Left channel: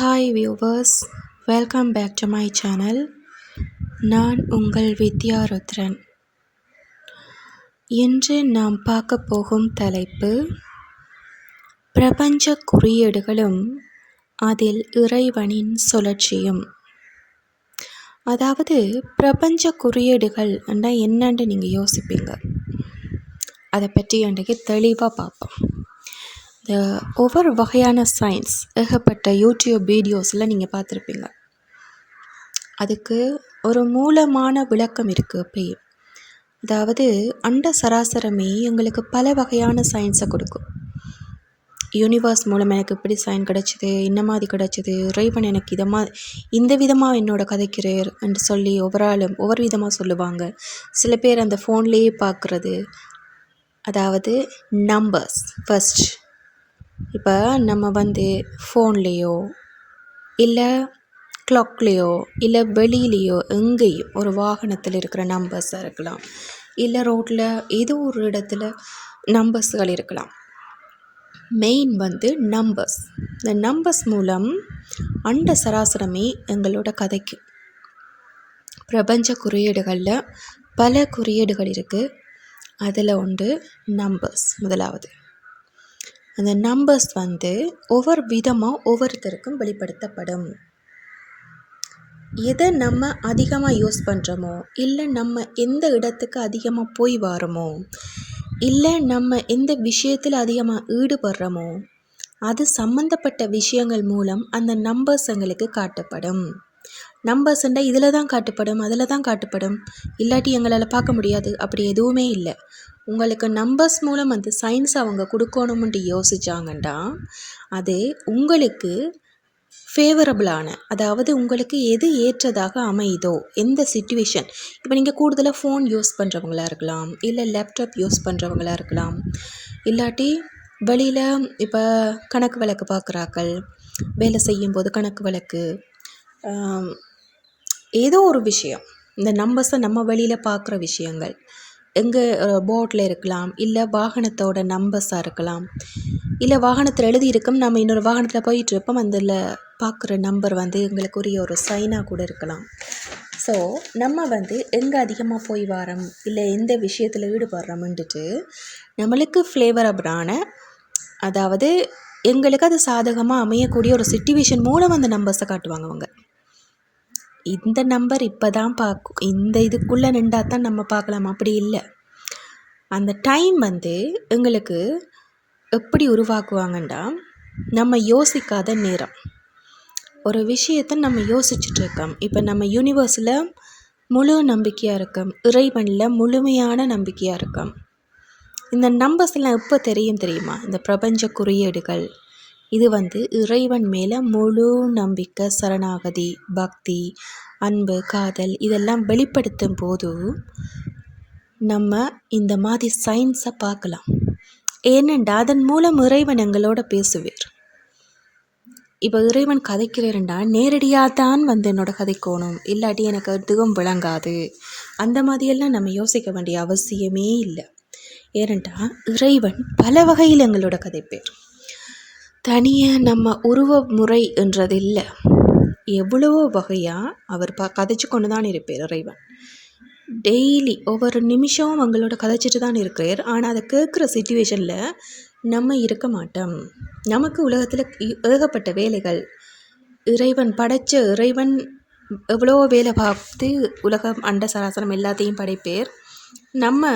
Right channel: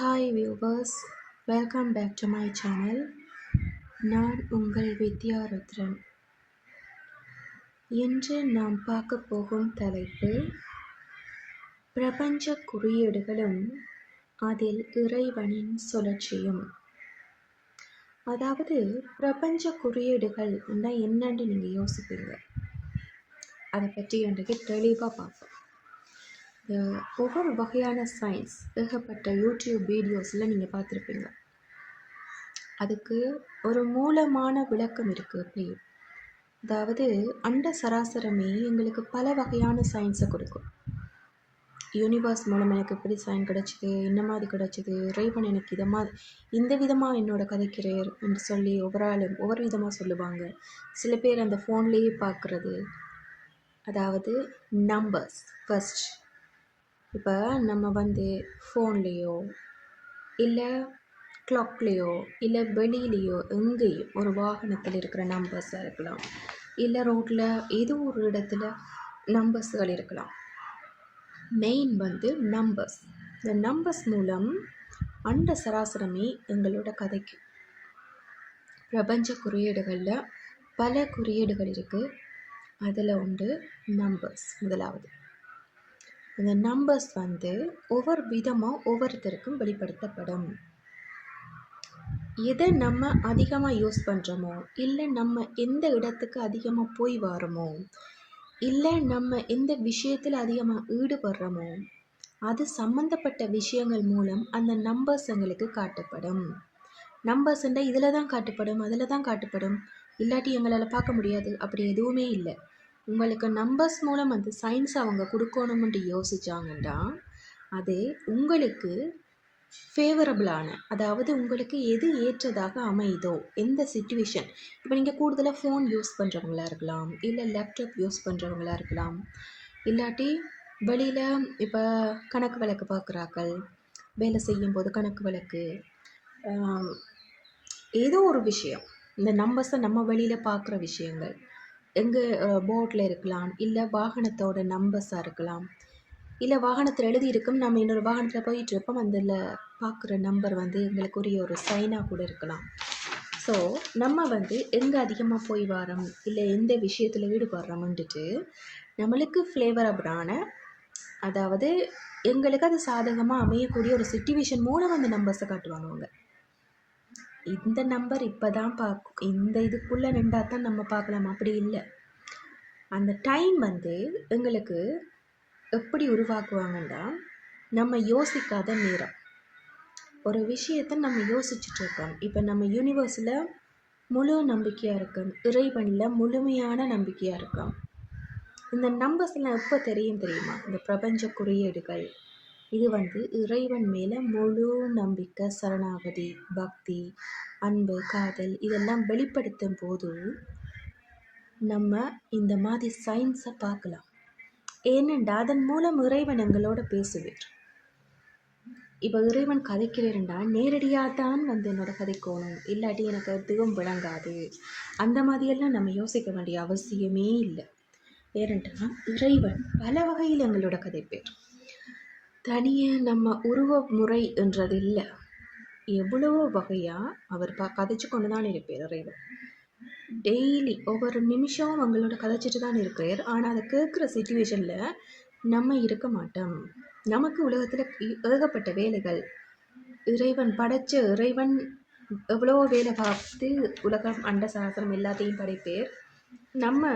Hi viewers welcome back to my channel நான் உங்கள் வித்யா ருத்ரன். இன்று நாம் பார்க்க போகும் தலைப்பு பிரபஞ்ச குறியீடுகளும் அதில் இறைவனின் சுழற்சியும். அதாவது பிரபஞ்ச குறியீடுகள் என்னன்னு நீங்கள் யோசிப்பீங்க? அதை பற்றி அன்றைக்கு தெளிவாக பார்ப்போம். இந்த ஒவ்வொரு வகையான சயின்ஸ் ஏகப்பட்ட யூடியூப் வீடியோஸில் நீங்கள் பார்த்துருப்பீங்க. அதுக்கு ஒரு மூலமான விளக்கம் இருக்குது அப்பயும் அதாவது அண்ட சராசரமே எங்களுக்கு பல வகையான சயின்ஸை கொடுக்கும். யூனிவர்ஸ் மூலம் எனக்கு இப்படி சைன் கிடச்சிது இந்த மாதிரி கிடச்சிது இறைவன் எனக்கு இதை மா இந்த விதமாக என்னோட கதைக்கிறார் என்று சொல்லி ஒவ்வொரு ஆளும் ஒவ்வொரு விதமாக சொல்லுவாங்க. சில பேர் அந்த ஃபோன்லேயே பார்க்குறது. அதாவது நம்பர்ஸ் ஃபஸ்ட் இப்போ நம்ம வந்து ஃபோன்லேயோ இல்லை க்ளாக்லேயோ இல்லை வெளியிலேயோ எங்கேயும் ஒரு வாகனத்தில் இருக்கிற நம்பர்ஸாக இருக்கலாம். இல்லை ரோட்டில் ஏதோ ஒரு இடத்துல நம்பர்ஸ்கள் இருக்கலாம். மெயின் வந்து நம்பர்ஸ் இந்த நம்பர்ஸ் மூலம் அண்ட சராசரமே எங்களோட கதைக்கு. பிரபஞ்ச குறியீடுகளில் பல குறியீடுகள் இருக்குது அதில் ஒன்று நம்பர்ஸ் முதலாவது. அந்த நம்பர்ஸ் வந்து ஒவ்வொரு விதமாக ஒவ்வொருத்தருக்கும் வெளிப்படுத்தப்படும். எதை நம்ம அதிகமாக யூஸ் பண்ணுறோமோ இல்லை நம்ம எந்த இடத்துக்கு அதிகமாக போய் வரோமோ இல்லை நம்ம எந்த விஷயத்தில் அதிகமாக ஈடுபடுறோமோ அது சம்மந்தப்பட்ட விஷயங்கள் மூலம் அந்த நம்பர்ஸ் எங்களுக்கு காட்டப்படும். நம்பர்ஸ்ண்டா இதில் தான் காட்டப்படும் அதில் தான் காட்டப்படும். இல்லாட்டி எங்களால் பார்க்க முடியாது. அப்படி எதுவுமே இல்லை. உங்களுக்கு நம்பர்ஸ் மூலம் அந்த சயின்ஸ் அவங்க கொடுக்கணும்ன்ட்டு யோசிச்சாங்கண்டா அது உங்களுக்கு ஃபேவரபிளான அதாவது உங்களுக்கு எது ஏற்றதாக அமையுதோ எந்த சுச்சுவேஷன் இப்போ நீங்கள் கூடுதலாக ஃபோன் யூஸ் பண்ணுறவங்களா இருக்கலாம் இல்லை லேப்டாப் யூஸ் பண்ணுறவங்களா இருக்கலாம். இல்லாட்டி வெளியில் இப்போ கணக்கு வழக்கு பார்க்குறாக்கள் வேலை செய்யும்போது கணக்கு வழக்கு ஏதோ ஒரு விஷயம். இந்த நம்பர்ஸை நம்ம வெளியில் பார்க்குற விஷயங்கள். எங்கே போர்டில் இருக்கலாம் இல்லை வாகனத்தோட நம்பர்ஸாக இருக்கலாம். இல்லை வாகனத்தில் எழுதியிருக்கும் நம்ம இன்னொரு வாகனத்தில் போயிட்டு இருப்போம் அதில் பார்க்குற நம்பர் வந்து எங்களுக்குரிய ஒரு சைனாக கூட இருக்கலாம். ஸோ நம்ம வந்து எங்கே அதிகமாக போய் வரோம் இல்லை எந்த விஷயத்தில் ஈடுபடுறோம்ன்ட்டு நம்மளுக்கு ஃப்ளேவரபிளான அதாவது எங்களுக்கு அது சாதகமாக அமையக்கூடிய ஒரு சுச்சுவேஷன் மூலம் அந்த நம்பர்ஸை காட்டுவாங்க அவங்க. இந்த நம்பர் இப்போ தான் பார்க்கும் இந்த இதுக்குள்ளே நின்றா தான் நம்ம பார்க்கலாம். அப்படி இல்லை. அந்த டைம் வந்து எங்களுக்கு எப்படி உருவாக்குவாங்கண்டா? நம்ம யோசிக்காத நேரம். ஒரு விஷயத்தை நம்ம யோசிச்சுட்ருக்கோம். இப்போ நம்ம யூனிவர்ஸில் முழு நம்பிக்கையாக இருக்கோம். இறைவனில் முழுமையான நம்பிக்கையாக இருக்கோம். இந்த நம்பர்ஸ்லாம் எப்போ தெரியும் தெரியுமா? இந்த பிரபஞ்ச குறியீடுகள் இது வந்து இறைவன் மேலே முழு நம்பிக்கை சரணாகதி பக்தி அன்பு காதல் இதெல்லாம் வெளிப்படுத்தும் போது நம்ம இந்த மாதிரி சயின்ஸை பார்க்கலாம். ஏனெண்டா அதன் மூலம் இறைவன் எங்களோட பேசுவார். இப்போ இறைவன் கதைக்கிறேன்டா நேரடியாக தான் வந்து என்னோட கதைக்கோணும் இல்லாட்டி எனக்கு எதுவும் விளங்காது. அந்த மாதிரியெல்லாம் நம்ம யோசிக்க வேண்டிய அவசியமே இல்லை. ஏனென்றால் இறைவன் பல வகையில் எங்களோட கதைப்பேர். தனியாக நம்ம உருவ முறை என்றது இல்லை எவ்வளவோ வகையாக அவர் ப கதைச்சு கொண்டு தான் இருப்பார் இறைவன். டெய்லி ஒவ்வொரு நிமிஷமும் அவங்களோட கதைச்சிட்டு தான் இருக்கிறார். ஆனால் அதை கேட்குற சுச்சுவேஷனில் நம்ம இருக்க மாட்டோம். நமக்கு உலகத்தில் ஏகப்பட்ட வேலைகள். இறைவன் படைச்ச இறைவன் எவ்வளோ வேலை பார்த்து உலகம் அண்ட சராசரம் எல்லாத்தையும் படைப்பேர். நம்ம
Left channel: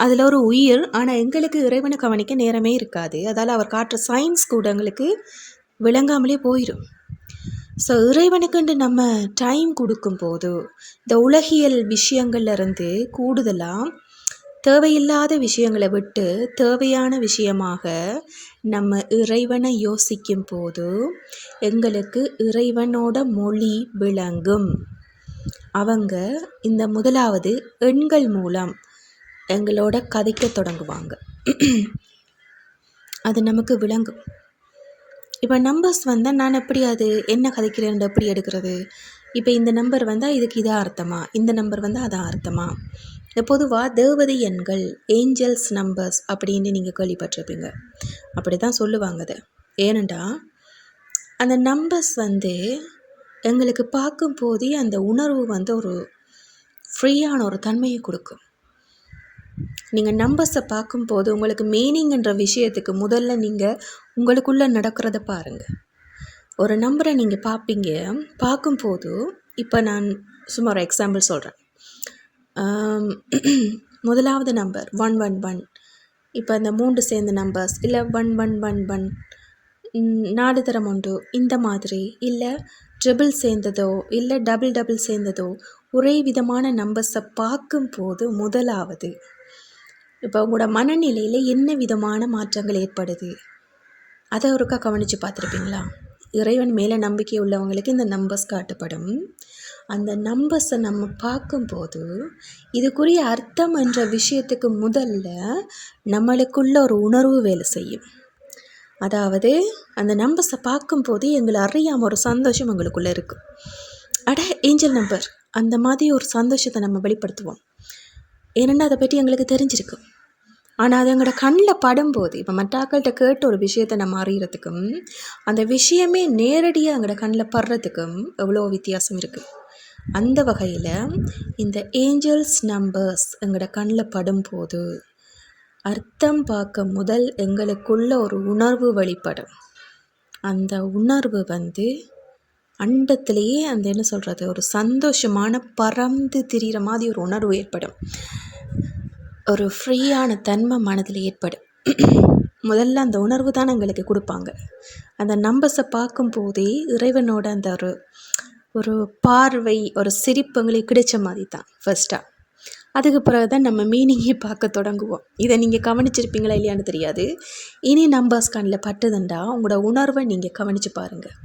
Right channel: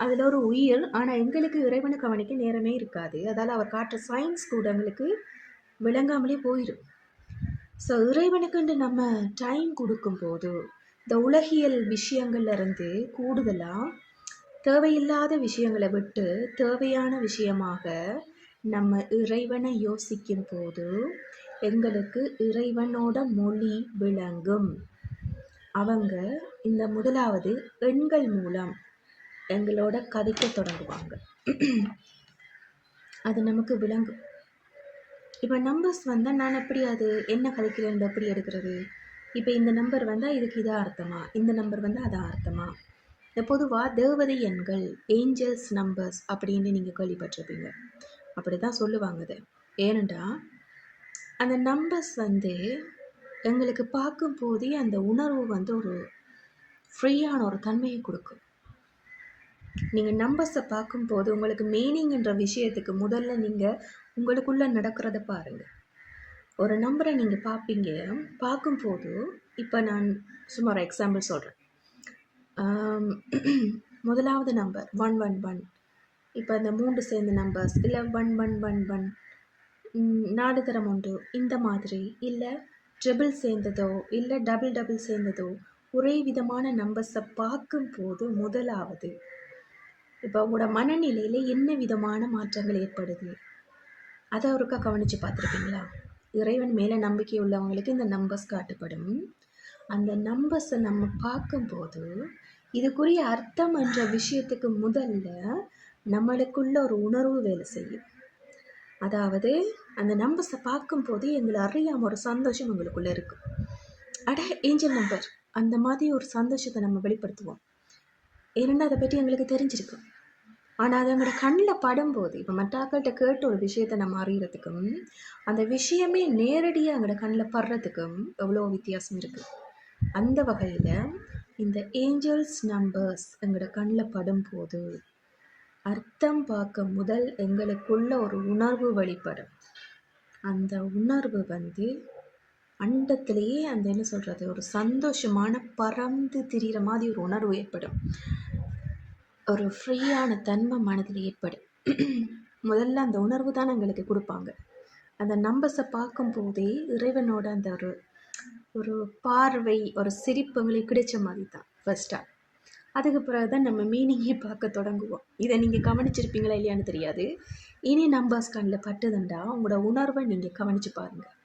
அதில் ஒரு உயிர் ஆனால் எங்களுக்கு இறைவனை கவனிக்க நேரமே இருக்காது. அதால் அவர் காட்டுற சயின்ஸ் கூட எங்களுக்கு விளங்காமலே போயிடும் ஸோ இறைவனுக்குண்டு நம்ம டைம் கொடுக்கும்போது இந்த உலகியல் விஷயங்கள்லேருந்து கூடுதலாக தேவையில்லாத விஷயங்களை விட்டு தேவையான விஷயமாக நம்ம இறைவனை யோசிக்கும் போது எங்களுக்கு இறைவனோட மொழி விளங்கும். அவங்க இந்த முதலாவது எண்கள் மூலம் எங்களோட கதைக்க தொடங்குவாங்க. அது நமக்கு விளங்கும். இப்போ நம்பர்ஸ் வந்தால் நான் எப்படி அது என்ன கதைக்கிறேன் எப்படி எடுக்கிறது? இப்போ இந்த நம்பர் வந்தால் இதுக்கு இதாக அர்த்தமா? இந்த நம்பர் வந்தால் அதான் அர்த்தமா? பொதுவாக தேவதை எண்கள் ஏஞ்சல்ஸ் நம்பர்ஸ் அப்படின்னு நீங்கள் கேள்விப்பட்டிருப்பீங்க. அப்படி தான் சொல்லுவாங்க அது. ஏனண்டா அந்த நம்பர்ஸ் வந்து எங்களுக்கு பார்க்கும்போதே அந்த உணர்வு வந்து ஒரு ஃப்ரீயான ஒரு தன்மையை கொடுக்கும். நீங்கள் நம்பர்ஸை பார்க்கும்போது உங்களுக்கு மீனிங்ன்ற விஷயத்துக்கு முதல்ல நீங்கள் உங்களுக்குள்ளே நடக்கிறத பாருங்கள் ஒரு நம்பரை நீங்கள் பார்ப்பீங்க. பார்க்கும்போது இப்போ நான் சும்மா ஒரு எக்ஸாம்பிள் சொல்கிறேன் முதலாவது நம்பர் ஒன் ஒன் ஒன் இப்போ இந்த மூன்று சேர்ந்த நம்பர்ஸ் இல்லை ஒன் ஒன் ஒன் ஒன் நாலு தரம் ஒன்று இந்த மாதிரி இல்லை ட்ரிபிள் சேர்ந்ததோ இல்லை டபுள் டபுள் சேர்ந்ததோ ஒரே விதமான நம்பர்ஸை பார்க்கும்போது முதலாவது இப்போ உங்களோட மனநிலையில் என்ன விதமான மாற்றங்கள் ஏற்படுது? அதை ஒருக்கா கவனித்து பார்த்துருப்பீங்களா? இறைவன் மேலே நம்பிக்கை உள்ளவங்களுக்கு இந்த நம்பர்ஸ் காட்டப்படும். அந்த நம்பர்ஸை நம்ம பார்க்கும்போது இதுக்குரிய அர்த்தம் என்ற விஷயத்துக்கு முதல்ல நம்மளுக்குள்ள ஒரு உணர்வு வேலை செய்யும். அதாவது அந்த நம்பர்ஸை பார்க்கும்போது எங்களை அறியாமல் ஒரு சந்தோஷம் எங்களுக்குள்ளே இருக்கும் அட ஏஞ்சல் நம்பர் அந்த மாதிரி ஒரு சந்தோஷத்தை நம்ம வெளிப்படுத்துவோம். ஏன்னா அதை பற்றி எங்களுக்கு தெரிஞ்சிருக்கு. ஆனால் அது எங்களோட கண்ணில் படும்போது இப்போ மற்றாக்கள்கிட்ட கேட்ட ஒரு விஷயத்தை நம்ம அறியறதுக்கும் அந்த விஷயமே நேரடியாக எங்களோட கண்ணில் படுறதுக்கும் எவ்வளோ வித்தியாசம் இருக்குது அந்த வகையில் இந்த ஏஞ்சல்ஸ் நம்பர்ஸ் எங்களோட கண்ணில் படும்போது அர்த்தம் பார்க்க முதல் எங்களுக்குள்ள ஒரு உணர்வு வெளிப்படும். அந்த உணர்வு வந்து அண்டத்திலேயே அந்த என்ன சொல்கிறது ஒரு சந்தோஷமான பறந்து திரிகிற மாதிரி ஒரு உணர்வு ஏற்படும். ஒரு ஃப்ரீயான தன்மை மனதில் ஏற்படும். முதல்ல அந்த உணர்வு தான் எங்களுக்கு கொடுப்பாங்க. அந்த நம்பர்ஸை பார்க்கும்போதே இறைவனோட அந்த ஒரு ஒரு பார்வை ஒரு சிரிப்பு எங்களுக்கு கிடைச்ச மாதிரி தான் ஃபஸ்ட்டாக அதுக்கு பிறகு தான் நம்ம மீனிங்கே பார்க்க தொடங்குவோம். இதை நீங்கள் கவனிச்சிருப்பீங்களா இல்லையான்னு தெரியாது. இனி நம்பர்ஸ் கண்ணில் பட்டுதுண்டா உங்களோட உணர்வை நீங்கள் கவனித்து பாருங்கள்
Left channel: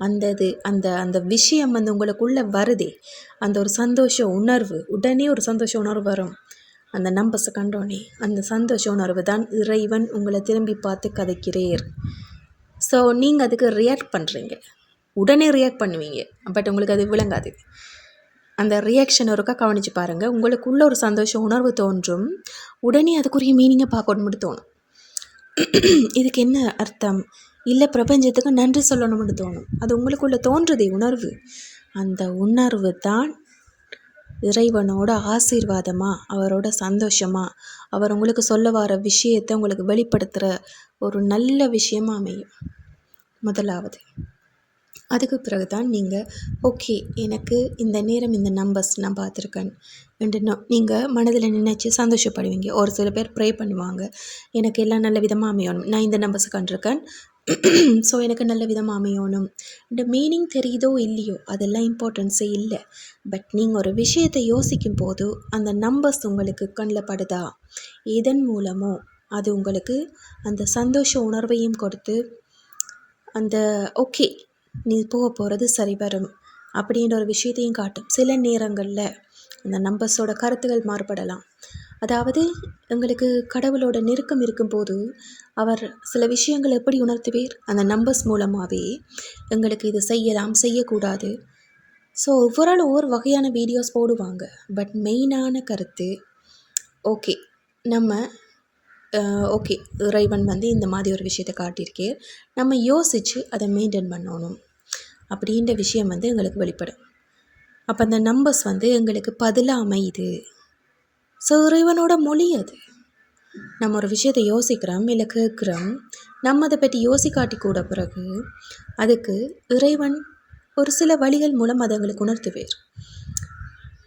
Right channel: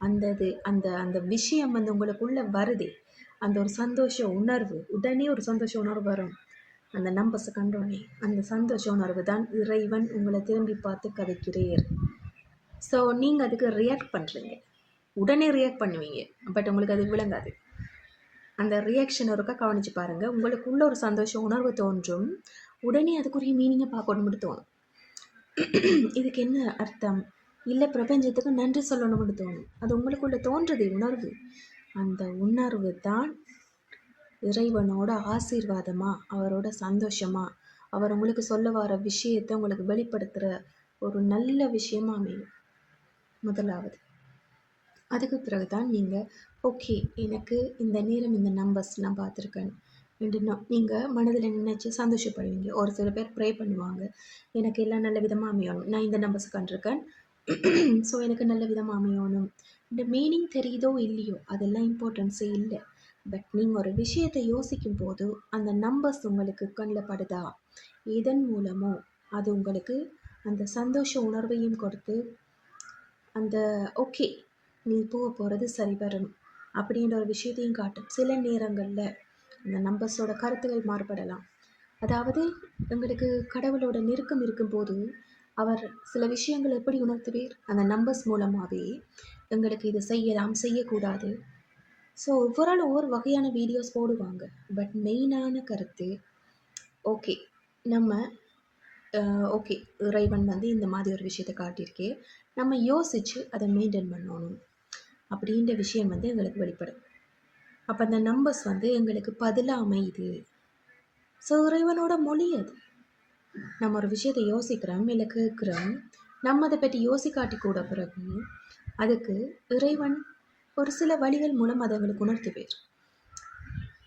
அந்த இது அந்த அந்த விஷயம் வந்து உங்களுக்குள்ளே வருதே. அந்த ஒரு சந்தோஷ உணர்வு உடனே ஒரு சந்தோஷ உணர்வு வரும். அந்த நம்பர்ஸை கண்டோனே அந்த சந்தோஷ உணர்வு தான் இறைவன் உங்களை திரும்பி பார்த்து கதைக்கிறேர். ஸோ நீங்கள் அதுக்கு ரியாக்ட் பண்ணுறீங்க உடனே ரியாக்ட் பண்ணுவீங்க. பட் உங்களுக்கு அது விளங்காது. அந்த ரியாக்ஷன் ஒருக்கா கவனித்து பாருங்கள் உங்களுக்குள்ள ஒரு சந்தோஷ உணர்வு தோன்றும். உடனே அதுக்குரிய மீனிங்கை பார்க்கணும்னு தோணும். இதுக்கு என்ன அர்த்தம்? இல்லை பிரபஞ்சத்துக்கு நன்றி சொல்லணும்னு தோணும். அது உங்களுக்குள்ளே தோன்றுதே உணர்வு. அந்த உணர்வு தான் இறைவனோட ஆசீர்வாதமாக அவரோட சந்தோஷமாக அவர் உங்களுக்கு சொல்ல வர விஷயத்தை உங்களுக்கு வெளிப்படுத்துகிற ஒரு நல்ல விஷயமாக அமையும். முதலாவது அதுக்கு பிறகு தான் நீங்கள் ஓகே எனக்கு இந்த நேரம் இந்த நம்பர்ஸ் நான் பார்த்துருக்கேன். என்று நீங்கள் மனதில் நினச்சி சந்தோஷப்படுவீங்க. ஒரு சில பேர் ப்ரே பண்ணுவாங்க. எனக்கு எல்லாம் நல்ல விதமாக அமையணும். நான் இந்த நம்பர்ஸ் கண்டிருக்கேன். ஸோ எனக்கு நல்ல விதமாக அமையணும். இந்த மீனிங் தெரியுதோ இல்லையோ அதெல்லாம் இம்பார்ட்டன்ஸே இல்லை. பட் நீங்கள் ஒரு விஷயத்தை யோசிக்கும் போது அந்த நம்பர்ஸ் உங்களுக்கு கண்ணில் படுதா? இதன் மூலமோ அது உங்களுக்கு அந்த சந்தோஷ உணர்வையும் கொடுத்து அந்த ஓகே நீ போக போகிறது சரி வரும் அப்படின்ற ஒரு விஷயத்தையும் காட்டும். சில நேரங்களில் அந்த நம்பர்ஸோட கருத்துகள் மாறுபடலாம். அதாவது எங்களுக்கு கடவுளோட நெருக்கம் இருக்கும்போது அவர் சில விஷயங்களை எப்படி உணர்த்துவேர்? அந்த நம்பர்ஸ் மூலமாகவே எங்களுக்கு இது செய்யலாம் செய்யக்கூடாது. ஸோ ஒவ்வொரு ஒவ்வொரு வகையான வீடியோஸ் போடுவாங்க. பட் மெயினான கருத்து ஓகே நம்ம ஓகே இறைவன் வந்து இந்த மாதிரி ஒரு விஷயத்தை காட்டியிருக்கே. நம்ம யோசித்து அதை மெயின்டைன் பண்ணணும். அப்படின்ற விஷயம் வந்து எங்களுக்கு வெளிப்படும். அப்போ அந்த நம்பர்ஸ் வந்து எங்களுக்கு பதிலாக அமையுது. ஸோ இறைவனோட மொழி அது. நம்ம ஒரு விஷயத்தை யோசிக்கிறோம் இல்லை கேட்குறோம் நம்ம அதை பற்றி யோசிக்காட்டி கூட பிறகு அதுக்கு இறைவன் ஒரு சில வழிகள் மூலம் அதை எங்களுக்கு உணர்த்துவேர்.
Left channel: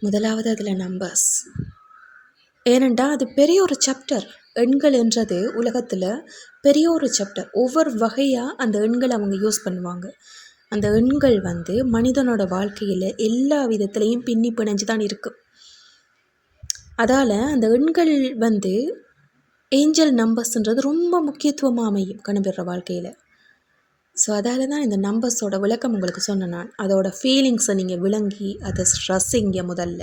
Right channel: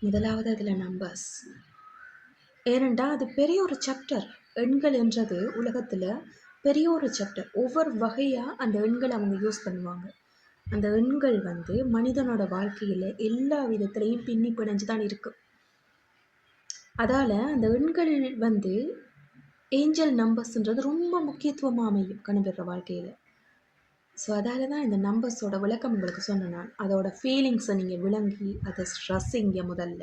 முதலாவது அதில் நம்பர்ஸ் ஏனென்றால் அது பெரிய ஒரு சாப்டர் எண்கள் என்றது உலகத்தில் பெரிய ஒரு சாப்டர் ஒவ்வொரு வகையாக அந்த எண்களை அவங்க யூஸ் பண்ணுவாங்க. அந்த எண்கள் வந்து மனிதனோட வாழ்க்கையில் எல்லா விதத்துலேயும் பின்னி பிணைஞ்சு தான் இருக்குது அதால் அந்த எண்கள் வந்து ஏஞ்சல் நம்பர்ஸ்ன்றது ரொம்ப முக்கியத்துவமாக அமையும் கணவர வாழ்க்கையில். ஸோ அதால் தான் இந்த நம்பர்ஸோட விளக்கம் உங்களுக்கு சொன்னேன் நான். அதோட ஃபீலிங்ஸை நீங்கள் விளங்கி அதை ஸ்ட்ரெஸ்ஸிங்க முதல்ல.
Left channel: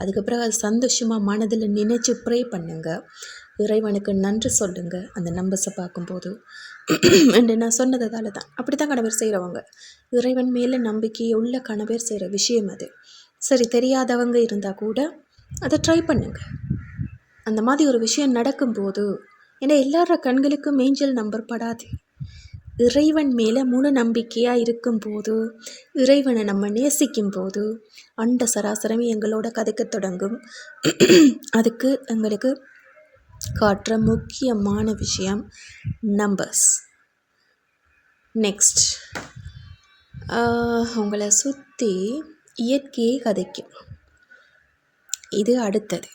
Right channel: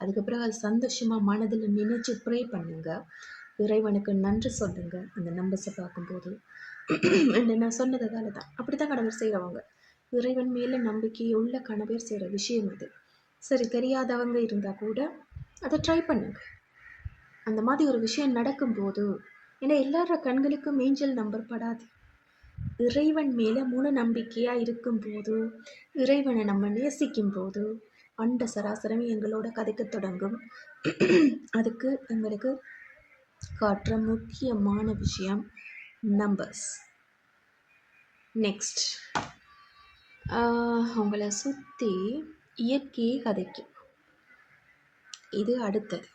அதுக்கப்புறம் அது சந்தோஷமாக மனதில் நினச்சி ப்ரே பண்ணுங்கள் இறைவனுக்கு நன்றி சொல்லுங்கள் அந்த நம்பர்ஸை பார்க்கும்போது. என்று நான் சொன்னதால தான் அப்படி தான் கணவர் செய்கிறவங்க இறைவன் மேலே நம்பிக்கை உள்ள கணவர் செய்கிற விஷயம் அது. சரி தெரியாதவங்க இருந்தால் கூட அதை ட்ரை பண்ணுங்கள் அந்த மாதிரி ஒரு விஷயம் நடக்கும்போது ஏன்னா எல்லார கண்களுக்கும் ஏஞ்சல் நம்பர் படாது. இறைவன் மேலே முழு நம்பிக்கையாக இருக்கும்போது இறைவனை நம்ம நேசிக்கும் போது அண்ட சராசரமே எங்களோட கதைக்கத் தொடங்கும். அதுக்கு எங்களுக்கு காட்டுற முக்கியமான விஷயம் நம்பர்ஸ் நெக்ஸ்ட் உங்களை சுற்றி இயற்கையே கதைக்கும். இது அடுத்தது.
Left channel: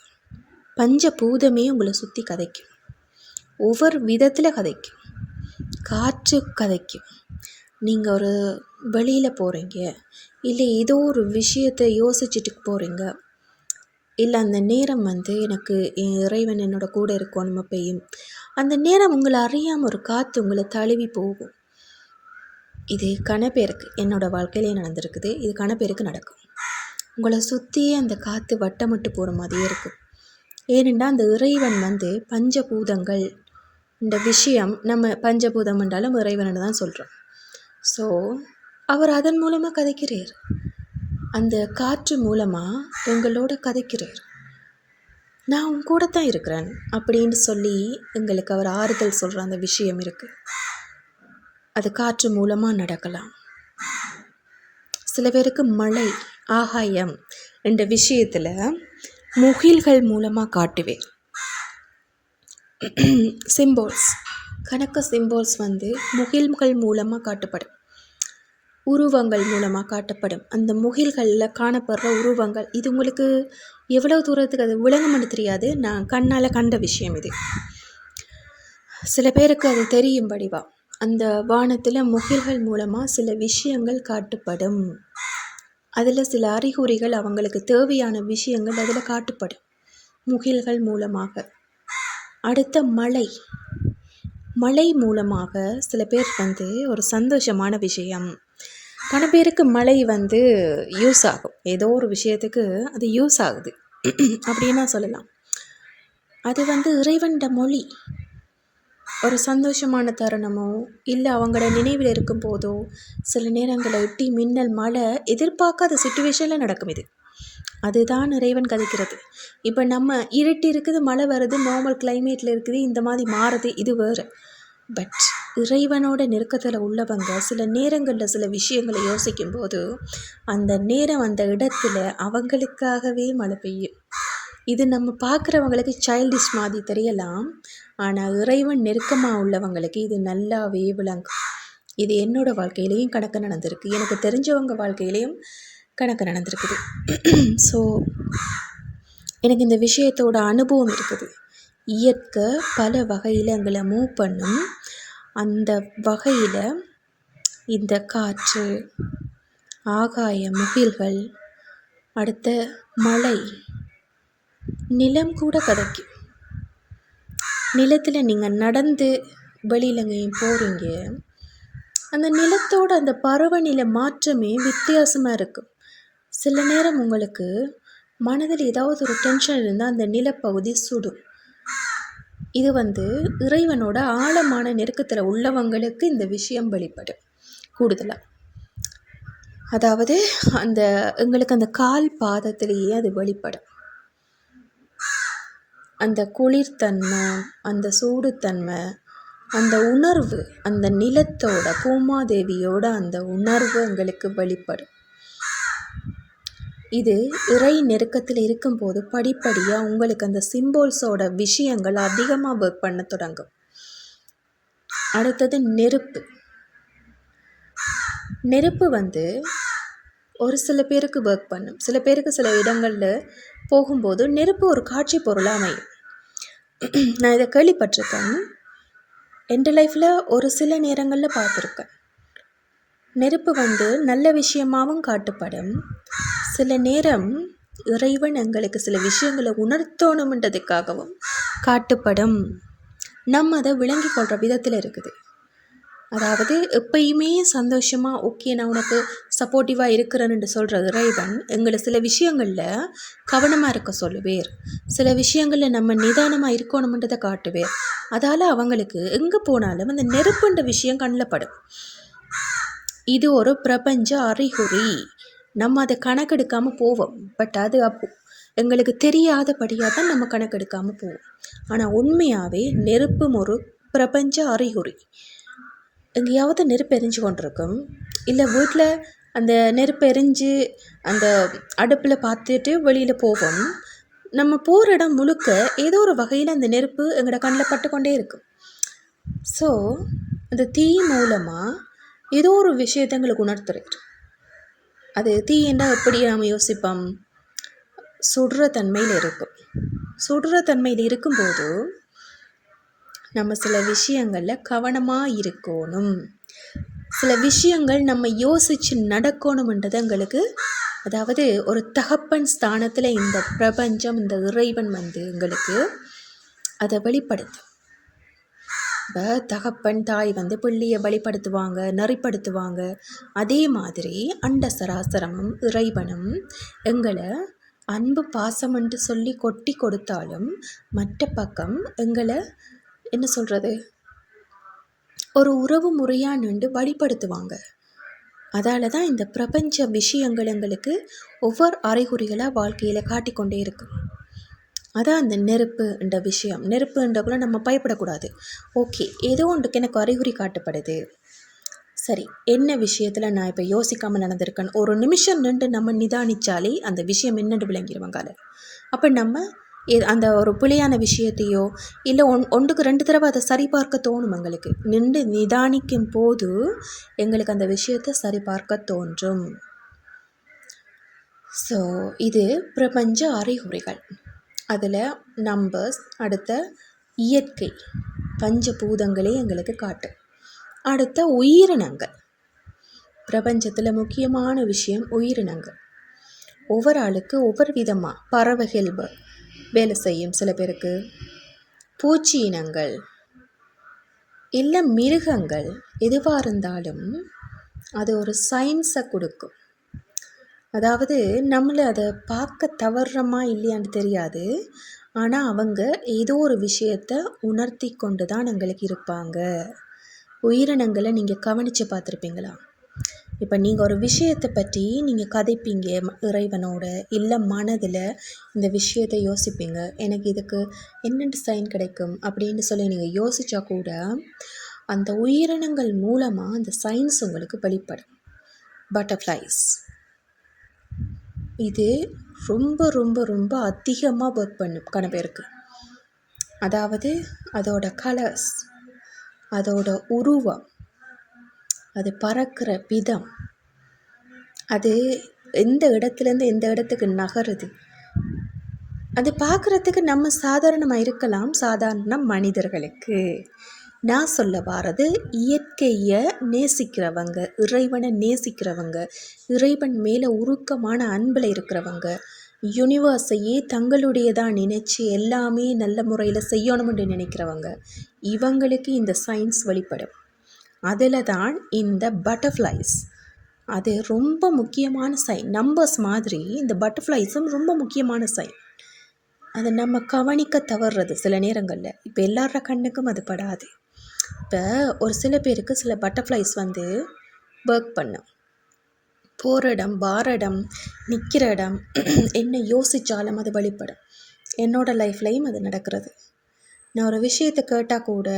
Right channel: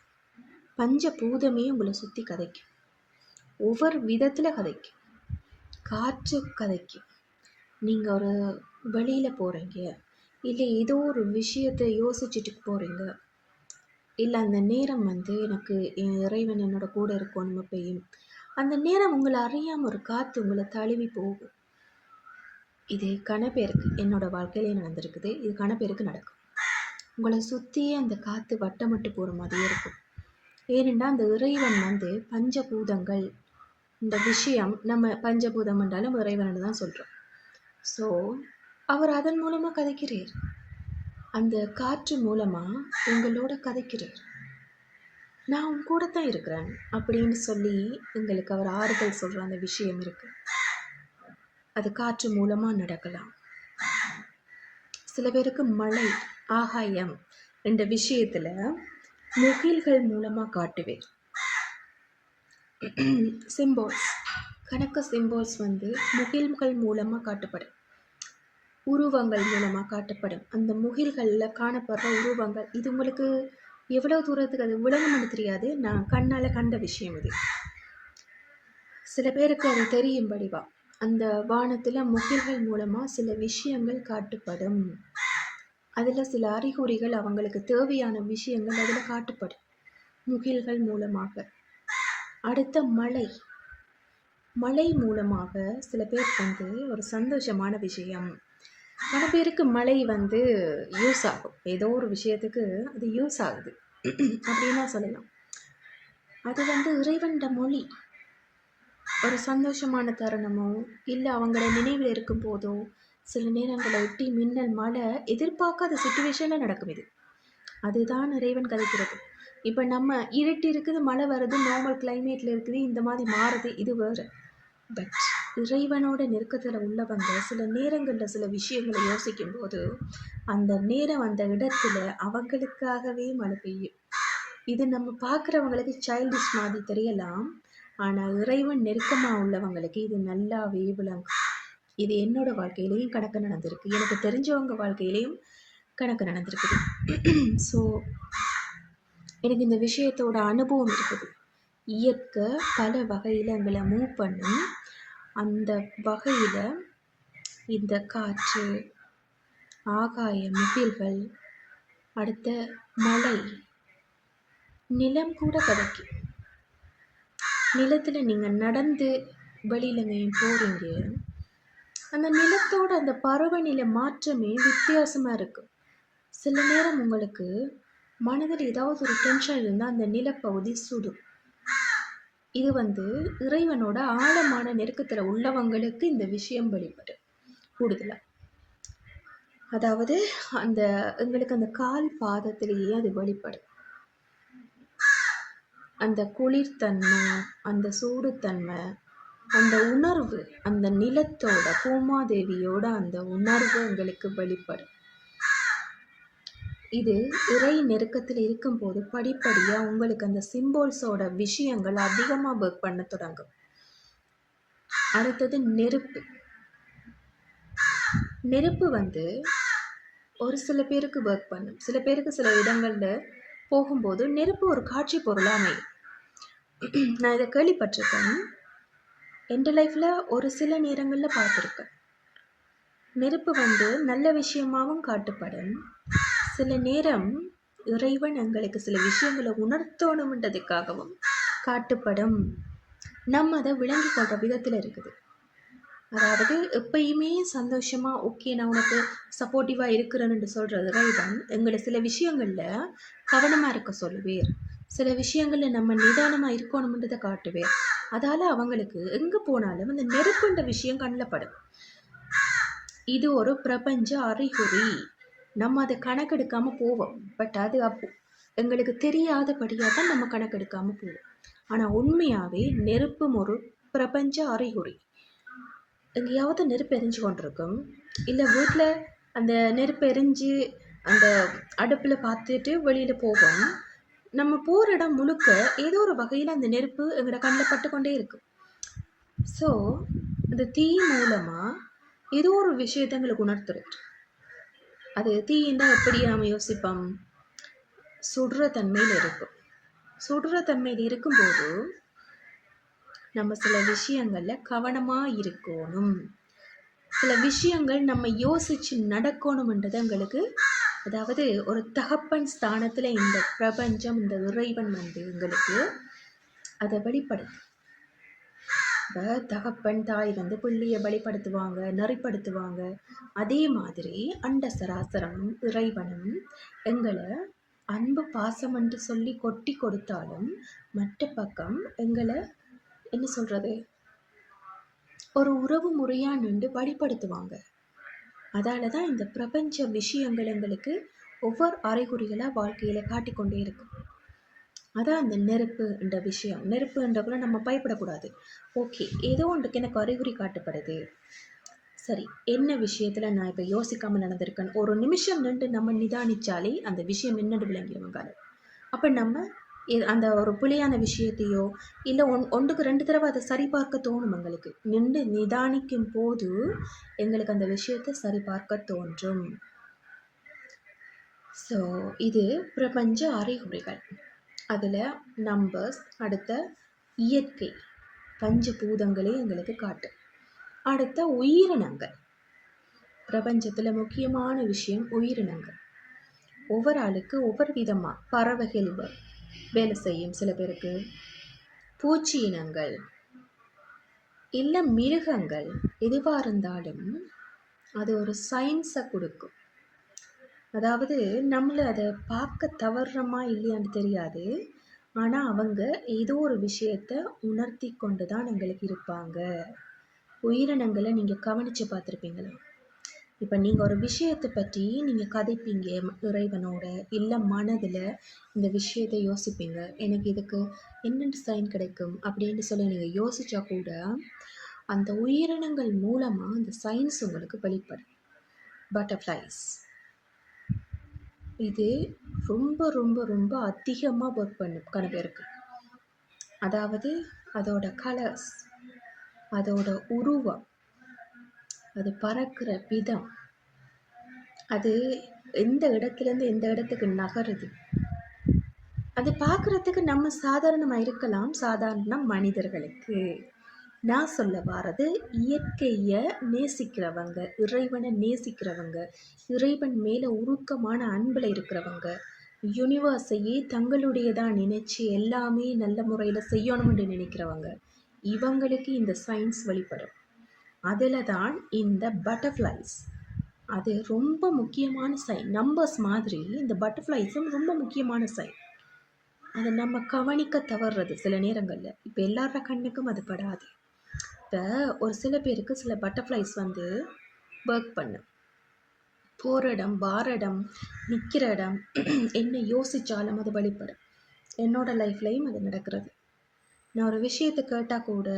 பஞ்சபூதமே உங்களை சுற்றி கதைக்கும். ஒவ்வொரு விதத்தில் கதைக்கும். காற்று கதைக்கும். நீங்கள் ஒரு வெளியில் போகிறீங்க இல்லை ஏதோ ஒரு விஷயத்தை யோசிச்சுட்டு போகிறீங்க இல்லை அந்த நேரம் வந்து எனக்கு என் இறைவன் என்னோட கூட இருக்கணும் அப்பையும் அந்த நேரம் உங்களை அறியாமல் ஒரு காற்று உங்களை தழுவி போகும். இது கணப்பேருக்கு என்னோடய வாழ்க்கையிலே நடந்திருக்குது. இது கணப்பேருக்கு நடக்கும். உங்களை சுற்றியே அந்த காற்று வட்டமிட்டு போகிற மாதிரியே இருக்கும் ஏனென்றால் அந்த இறைவன் வந்து பஞ்சபூதங்கள் இந்த விஷயம் நம்ம பஞ்சபூதம் என்றாலும் இறைவன் தான் சொல்கிறோம் ஸோ அவர் அதன் மூலமாக கதைக்கிறார். அந்த காற்று மூலமாக உங்களோட கதைக்கிறார். நான் உன் கூட தான் இருக்கிறேன் அப்படின்னு சொல்லி எங்களுக்கு அவர் ஆறுதல் சொல்கிற அந்த விஷயம் இருக்குது அது காற்று மூலமாக நடக்கலாம். சில பேருக்கு மழை ஆகாயம் என்ற விஷயத்தில் முகில்கள் மூலமாக காட்டுவேன். சிம்போல்ஸ் கணக்கு சிம்போல்ஸ் வந்து முகில்கள் மூலமாக காட்டப்படும். உருவங்கள் மூலமாக காட்டப்படும். அந்த முகில்களில் காணப்படுற உருவங்கள் இது உங்களுக்கு எவ்வளோ தூரத்துக்கு அது விளங்கும்னு தெரியாது. நான் கண்ணால் கண்ட விஷயம் இது. சில பேருக்கு அது தெரியும் வடிவா அந்த வானத்தில் முகில்கள் மூலமாக சில விஷயங்கள் காட்டுப்படும். அதில் சில அறிகுறிகள் அவங்களுக்கு தேவையான விஷயங்கள் அதில் காட்டுப்படும். முகில்கள் மூலமாக. அடுத்த மழை. மழை மூலமாக சில பேர் வந்து ஒரு சந்தோஷமான விஷயம். பல பேருக்கு மழை வந்து யூஸ் ஆகும். ஏதோ ஒரு விஷயத்துக்கு அது யூஸ் ஆகுது. அப்படின்னா சொல்லலாம். அது வந்து இறைவன்ட மொழி. ஒரு சந்தோஷமான தருணமோ இல்லை அவங்கள நினைவில் இருக்கும் போதோ சில நேரங்களை ஒட்டி மின்னல் மழை எதிர்பார்க்காத சுச்சுவேஷனில் நடக்கும் இது. அதுதான் இறைவன் கதைக்கிறது. இப்போ நம்ம இருட்டி இருக்குது மழை வருது நார்மல் கிளைமேட்டில் இருக்குது இந்த மாதிரி மாறுது இது வேறு. பட் இறைவனோட நெருக்கத்தில் உள்ளவங்க சில நேரங்களில் சில விஷயங்களை யோசிக்கும் போது அந்த நேரம் அந்த இடத்துல அவங்களுக்காகவே மழை பெய்யும். இது நம்ம பார்க்குறவங்களுக்கு சைல்டிஷ் மாதிரி தெரியலாம். ஆனால் இறைவன் நெருக்கமாக உள்ளவங்களுக்கு இது நல்லாவே விளங்கும். இது என்னோடய வாழ்க்கையிலையும் கணக்கு நடந்திருக்கு. எனக்கு தெரிஞ்சவங்க வாழ்க்கையிலையும் கணக்கு நடந்திருக்குது. ஸோ எனக்கு இந்த விஷயத்தோட அனுபவம் இருக்குது. இயற்கை பல வகையில் எங்களை மூவ் பண்ணும். அந்த வகையில் இந்த காற்று ஆகாய முகில்கள் அடுத்த மழை நிலம் கூட கதைக்கும் நிலத்தில் நீங்கள் நடந்து வெளியில் எங்கேயும் போகிறீங்க அந்த நிலத்தோட அந்த பருவநிலை மாற்றமே வித்தியாசமாக இருக்கும் சில நேரம் உங்களுக்கு மனதில் ஏதாவது ஒரு டென்ஷன் இருந்தால் அந்த நிலப்பகுதி சுடும். இது வந்து இறைவனோட ஆழமான நெருக்கத்தில் உள்ளவங்களுக்கு இந்த விஷயம் வெளிப்படும். கூடுதலாக அதாவது அந்த எங்களுக்கு அந்த கால் பாதத்திலேயே அது வெளிப்படும். அந்த குளிர்த்தன்மை அந்த சூடுத்தன்மை அந்த உணர்வு அந்த நிலத்தோட பூமாதேவியோட அந்த உணர்வு எங்களுக்கு வெளிப்படும். இது இறை நெருக்கத்தில் இருக்கும்போது படிப்படியாக உங்களுக்கு அந்த சிம்போல்ஸோட விஷயங்கள் அதிகமாக ஒர்க் பண்ண தொடங்கும். அடுத்தது நெருப்பு. நெருப்பு வந்து ஒரு சில பேருக்கு ஒர்க் பண்ணும். சில பேருக்கு சில இடங்களில் போகும்போது நெருப்பு ஒரு காட்சி பொருளாக அமையும். நான் இதை கேள்விப்பட்டிருக்கேன். என் லைஃப்பில் ஒரு சில நேரங்களில் பார்த்துருக்கேன். நெருப்பு வந்து நல்ல விஷயமாகவும் காட்டுப்படும். சில நேரம் இறைவன் எங்களுக்கு சில விஷயங்களை உணர்த்தணுன்றதுக்காகவும் காட்டுப்படும். நம்ம அதை விளங்கி கொள்கிற விதத்தில் இருக்குது. அதாவது எப்பயுமே சந்தோஷமாக ஓகே நான் உனக்கு சப்போர்ட்டிவாக இருக்கிறேன்னு சொல்கிற இறைவன் எங்களை சில விஷயங்களில் கவனமாக இருக்க சொல்லுவேர். சில விஷயங்களில் நம்ம நிதானமாக இருக்கணுமன்றதை காட்டுவேர். அதால் அவங்களுக்கு எங்கே போனாலும் அந்த நெருப்புன்ற விஷயம் கண்ணில் படும். இது ஒரு பிரபஞ்ச அறிகுறி. நம்ம அதை கணக்கெடுக்காமல் போவோம். பட் அது அப்போ எங்களுக்கு தெரியாதபடியாக தான் நம்ம கணக்கெடுக்காமல் போவோம். ஆனால் உண்மையாகவே நெருப்பும் ஒரு பிரபஞ்ச அறிகுறி. எங்கேயாவது நெருப்பு எரிஞ்சு கொண்டிருக்கும். இல்லை வீட்டில் அந்த நெருப்பு எரிஞ்சு அந்த அடுப்பில் பார்த்துட்டு வெளியில் போவோம். நம்ம போகிற இடம் முழுக்க ஏதோ ஒரு வகையில் அந்த நெருப்பு எங்களோட கண்ணில் பட்டு கொண்டே இருக்கும். ஸோ அந்த தீ மூலமாக ஏதோ ஒரு விஷயத்தை எங்களுக்கு உணர்த்துறாரு அது தீ எப்படி நாம் யோசிப்போம்? சுடுற தன்மையில் இருக்கும். சுடுற தன்மையில் இருக்கும்போது நம்ம சில விஷயங்களில் கவனமாக இருக்கணும். சில விஷயங்கள் நம்ம யோசித்து நடக்கணும்ன்றது எங்களுக்கு அதாவது ஒரு தகப்பன் ஸ்தானத்தில் இந்த பிரபஞ்சம் இந்த இறைவன் வந்து எங்களுக்கு அதை வெளிப்படுத்து. இப்போ தகப்பன் தாய் வந்து பிள்ளையை வழிப்படுத்துவாங்க நெறிப்படுத்துவாங்க. அதே மாதிரி அண்ட சராசரமும் இறைவனும் எங்களை அன்பு பாசம் என்று சொல்லி கொட்டி கொடுத்தாலும் மற்ற பக்கம் எங்களை என்ன சொல்கிறது ஒரு உறவு முறையாக நின்று வழிப்படுத்துவாங்க அதால தான் இந்த பிரபஞ்ச விஷயங்கள் எங்களுக்கு ஒவ்வொரு அறிகுறிகளாக வாழ்க்கையில் காட்டிக்கொண்டே இருக்கும். அதான் அந்த நெருப்புன்ற விஷயம். நெருப்புன்றக்குள்ள நம்ம பயப்படக்கூடாது. ஓகே ஏதோ ஒன்றுக்கு எனக்கு அறிகுறி காட்டப்படுது. சரி என்ன விஷயத்தில் நான் இப்போ யோசிக்காமல் நடந்திருக்கேன் ஒரு நிமிஷம் நின்று நம்ம நிதானித்தாலே அந்த விஷயம் என்னென்று விளங்கிடுவாங்க அப்போ நம்ம அந்த ஒரு புலியான விஷயத்தையோ இல்லை ஒன் ஒன்றுக்கு ரெண்டு தடவை அதை சரிபார்க்க தோணும் எங்களுக்கு. நின்று நிதானிக்கும் போது எங்களுக்கு அந்த விஷயத்தை சரிபார்க்க தோன்றும். ஸோ இது பிரபஞ்ச அறிகுறிகள். அதில் நம்பர்ஸ் அடுத்த இயற்கை பஞ்சபூதங்களே எங்களுக்கு காட்டும். அடுத்த உயிரினங்கள். பிரபஞ்சத்தில் முக்கியமான விஷயம் உயிரினங்கள். ஒவ்வொரு ஆளுக்கு ஒவ்வொரு விதமாக பறவைகள் வேலை செய்யும் சில பேருக்கு. பூச்சி இனங்கள் இல்லை மிருகங்கள் எதுவாக இருந்தாலும் அது ஒரு சயின்ஸை கொடுக்கும். அதாவது நம்மளை அதை பார்க்க தவறுறோமா இல்லையான்னு தெரியாது. ஆனால் அவங்க ஏதோ ஒரு விஷயத்தை உணர்த்தி கொண்டு தான் எங்களுக்கு இருப்பாங்க. உயிரினங்களை நீங்கள் கவனித்து பார்த்துருப்பீங்களா? இப்போ நீங்கள் ஒரு விஷயத்தை பற்றி நீங்கள் கதைப்பீங்க இறைவனோட இல்லை மனதில் இந்த விஷயத்தை யோசிப்பீங்க. எனக்கு இதுக்கு என்னென்ன சைன் கிடைக்கும் அப்படின்னு சொல்லி நீங்கள் யோசித்தா கூட அந்த உயிரினங்கள் மூலமாக அந்த சயின்ஸ் உங்களுக்கு வெளிப்படும். பட்டர்ஃப்ளைஸ் இது ரொம்ப ரொம்ப ரொம்ப அதிகமாக ஒர்க் பண்ணும் கணவருக்கு அதாவது அதோட கலர்ஸ் அதோட உருவம் அது பறக்கிற விதம் அது எந்த இடத்துலேருந்து எந்த இடத்துக்கு நகருது? அது பார்க்குறதுக்கு நம்ம சாதாரணமாக இருக்கலாம். சாதாரண மனிதர்களுக்கு. நான் சொல்ல வாரது இயற்கையை நேசிக்கிறவங்க இறைவனை நேசிக்கிறவங்க இறைவன் மேலே உருக்கமான அன்பில் இருக்கிறவங்க யூனிவர்ஸையே தங்களுடையதாக நினச்சி எல்லாமே நல்ல முறையில் செய்யணும்னு நினைக்கிறவங்க இவங்களுக்கு இந்த சயின்ஸ் வெளிப்படும். அதில் தான் இந்த பட்டர்ஃப்ளைஸ் அது ரொம்ப முக்கியமான சைன் நம்பர்ஸ் மாதிரி இந்த பட்டர்ஃப்ளைஸும் ரொம்ப முக்கியமான சைன் அதை நம்ம கவனிக்க தவறுறது சில நேரங்களில். இப்போ எல்லார கண்ணுக்கும் அது படாது. இப்போ ஒரு சில பேருக்கு சில பட்டர்ஃப்ளைஸ் வந்து ஒர்க் பண்ணும். போகிற இடம் வார இடம் நிற்கிற இடம் என்ன யோசித்தாலும் அது வழிபடும். என்னோடய லைஃப்லையும் அது நடக்கிறது. நான் ஒரு விஷயத்தை கேட்டால் கூட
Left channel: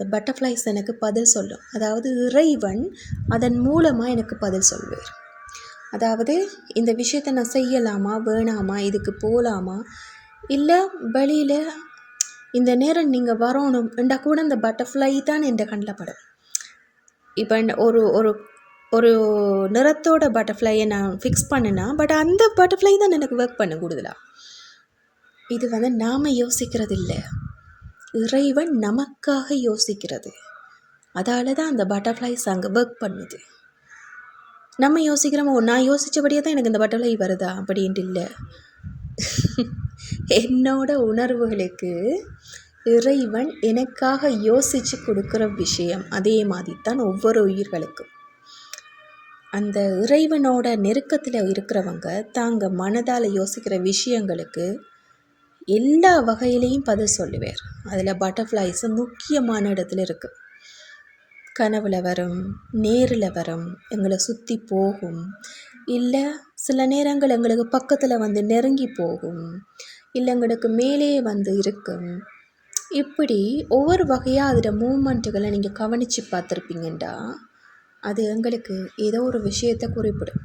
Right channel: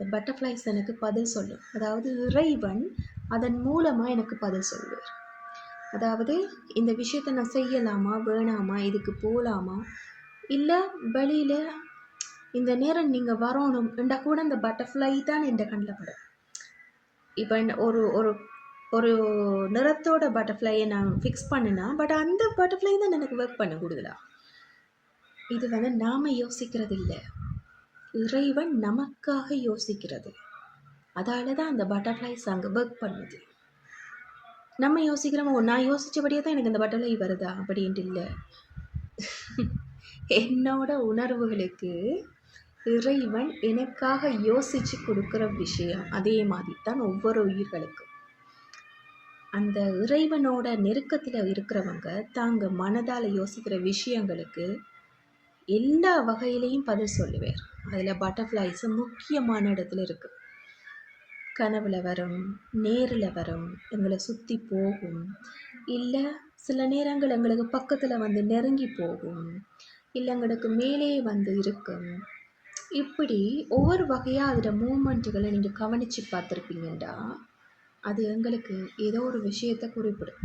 இந்த பட்டர்ஃப்ளைஸ் எனக்கு பதில் சொல்லும். அதாவது இறைவன் அதன் மூலமாக எனக்கு பதில் சொல்வார் அதாவது இந்த விஷயத்தை நான் செய்யலாமா வேணாமா இதுக்கு போகலாமா இல்லை வழியில் இந்த நேரம் நீங்கள் வரணும் என்றால் கூட இந்த பட்டர்ஃப்ளை தான் என் கண்ணில் படும். இப்போ ஒரு ஒரு ஒரு நிறத்தோட பட்டர்ஃப்ளையை நான் ஃபிக்ஸ் பண்ணினா பட் அந்த பட்டர்ஃப்ளை தான் எனக்கு ஒர்க் பண்ண கூடுதலா. இது வந்து நாம் யோசிக்கிறது இல்லை இறைவன் நமக்காக யோசிக்கிறது. அதால் தான் அந்த பட்டர்ஃப்ளைஸ் அங்கே ஒர்க் பண்ணுது. நம்ம யோசிக்கிறோமோ நான் யோசித்தபடியே தான் எனக்கு இந்த பட்டர்ஃப்ளை வருதா? அப்படின்ட்டு இல்லை. என்னோட உணர்வுகளுக்கு இறைவன் எனக்காக யோசித்து கொடுக்குற விஷயம் அதே மாதிரி தான் ஒவ்வொரு உயிர்களுக்கும். அந்த இறைவனோட நெருக்கத்தில் இருக்கிறவங்க தாங்க மனதால் யோசிக்கிற விஷயங்களுக்கு எல்லா வகையிலையும் பதில் சொல்லுவார். அதில் பட்டர்ஃப்ளைஸ் முக்கியமான இடத்துல இருக்குது கனவில் வரும் நேரில் வரும் எங்களை சுற்றி போகும். இல்லை சில நேரங்கள் எங்களுக்கு பக்கத்தில் வந்து நெருங்கி போகும். இல்லை எங்களுக்கு மேலே வந்து இருக்கும். இப்படி ஒவ்வொரு வகையாக அதில் மூமெண்ட்டுகளை நீங்கள் கவனித்து பார்த்துருப்பீங்கண்டா? அது எங்களுக்கு ஏதோ ஒரு விஷயத்தை குறிப்பிடும்.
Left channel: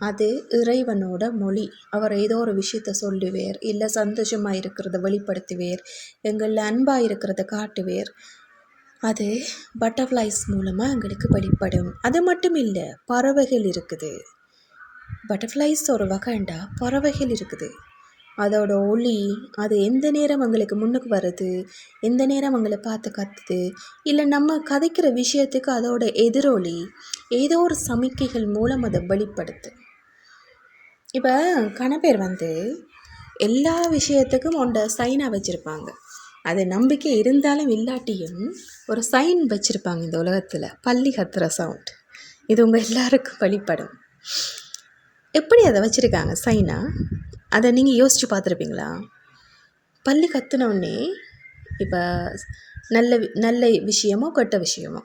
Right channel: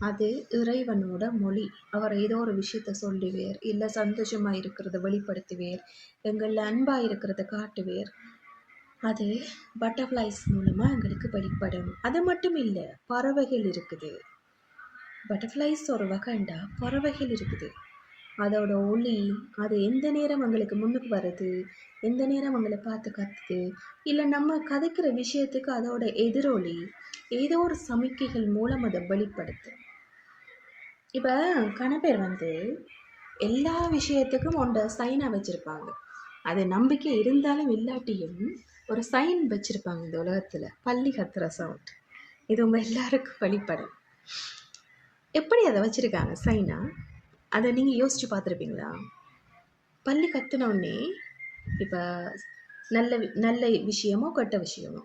அது இறைவனோட மொழி. அவர் ஏதோ ஒரு விஷயத்த சொல்லுவேர் இல்லை சந்தோஷமாக இருக்கிறத வெளிப்படுத்துவேர் எங்களில் அன்பாக இருக்கிறத காட்டுவேர். அது பட்டர்ஃப்ளைஸ் மூலமாக எங்களுக்கு வெளிப்படும். அது மட்டும் இல்லை பறவைகள் இருக்குது. பட்டர்ஃப்ளைஸ் ஒரு வகைண்டா பறவைகள் இருக்குது. அதோட ஒளி அது எந்த நேரம் எங்களுக்கு முன்னுக்கு வருது எந்த நேரம் எங்களை பார்த்து கத்துது இல்லை நம்ம கதைக்கிற விஷயத்துக்கு அதோட எதிரொலி ஏதோ ஒரு சமிக்கைகள் மூலம் அதை வெளிப்படுத்து. இப்போ கணப்பேர் வந்து எல்லா விஷயத்துக்கும் ஒன்றை சைனாக வச்சுருப்பாங்க. அது நம்பிக்கை இருந்தாலும் இல்லாட்டியும் ஒரு சைன் வச்சுருப்பாங்க இந்த உலகத்தில். பள்ளி கத்துற சவுண்ட் இது உங்கள் எல்லாருக்கும் வழிபடும் எப்படி அதை வச்சுருக்காங்க சைனா அதை நீங்கள் யோசித்து பார்த்துருப்பீங்களா? பள்ளி கத்துனோடனே இப்போ நல்ல வி- நல்ல விஷயமோ கெட்ட விஷயமோ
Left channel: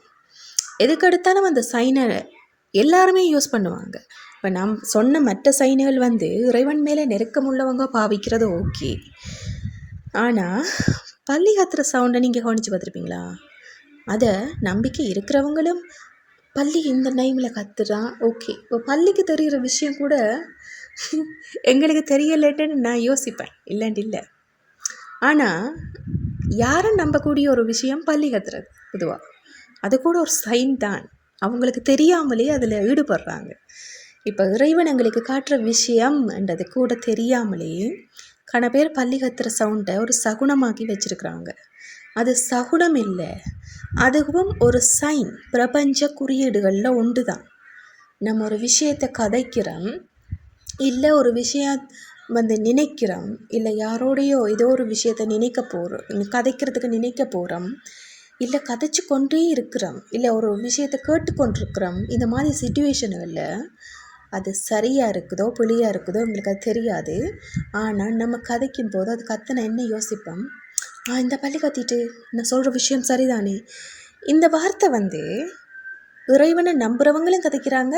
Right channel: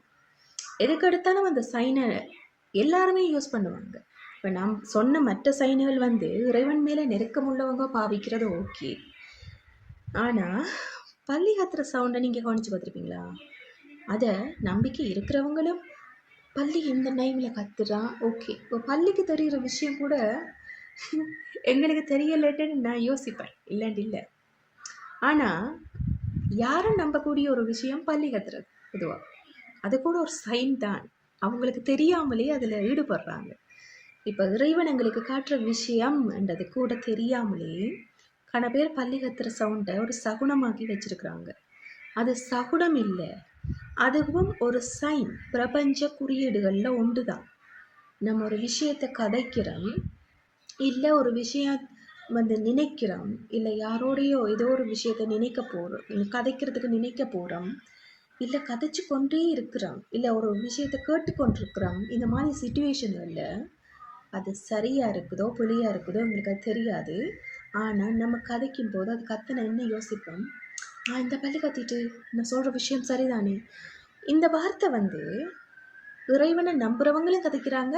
எதுக்கு எடுத்தாலும் அந்த சைனை எல்லாருமே யூஸ் பண்ணுவாங்க. இப்போ நம் சொன்ன மற்ற சைனுகள் வந்து இறைவன் மேலே நெருக்கம் உள்ளவங்க பாவிக்கிறது ஓகே. ஆனால் பள்ளி கத்துற சவுண்டை நீங்கள் கவனித்து பார்த்துருப்பீங்களா? அதை நம்பிக்கை இருக்கிறவங்களும் பள்ளி இந்த டைமில் கத்துறான் ஓகே. இப்போ பள்ளிக்கு தெரிகிற விஷயம் கூட எங்களுக்கு தெரியலட்டுன்னு நான் யோசிப்பேன் இல்லைன்னு இல்லை. ஆனால் யாரும் நம்பக்கூடிய ஒரு விஷயம் பள்ளி கத்துறது பொதுவாக அது கூட ஒரு சைன் தான். அவங்களுக்கு தெரியாமலே அதில் ஈடுபடுறாங்க. இப்போ இறைவன் எங்களுக்கு காட்டுற விஷயம்ன்றது கூட தெரியாமலே கண பேர் பள்ளி கத்துற சவுண்டை ஒரு சகுனமாக்கி வச்சுருக்குறாங்க. அது சகுனம் இல்லை அதுவும் ஒரு சைன் பிரபஞ்ச குறியீடுகளில் ஒன்று தான் நம்ம ஒரு விஷயத்தை கதைக்கிறோம் இல்லை ஒரு விஷயம் வந்து நினைக்கிறோம் இல்லை யாரோடையோ ஏதோ ஒரு விஷயத்தை நினைக்க போகிறோம் கதைக்கிறதுக்கு நினைக்க போகிறோம் இல்லை கதைச்சு கொண்டே இருக்கிறோம் இல்லை ஒரு விஷயத்தை கேட்டுக்கொண்டிருக்கிறோம் இந்த மாதிரி சுச்சுவேஷனுகளில் அது சரியாக இருக்குதோ புலியாக இருக்குதோ எங்களுக்கு அது தெரியாது. ஆனால் நம்ம கதைக்கும் போது அது கத்தனை என்ன யோசிப்போம்? இந்த பள்ளி கத்திட்டு நான் சொல்கிற விஷயம் சரிதானே? இந்த வார்த்தை வந்து இறைவனை நம்புகிறவங்களும் கதைக்கிறாங்க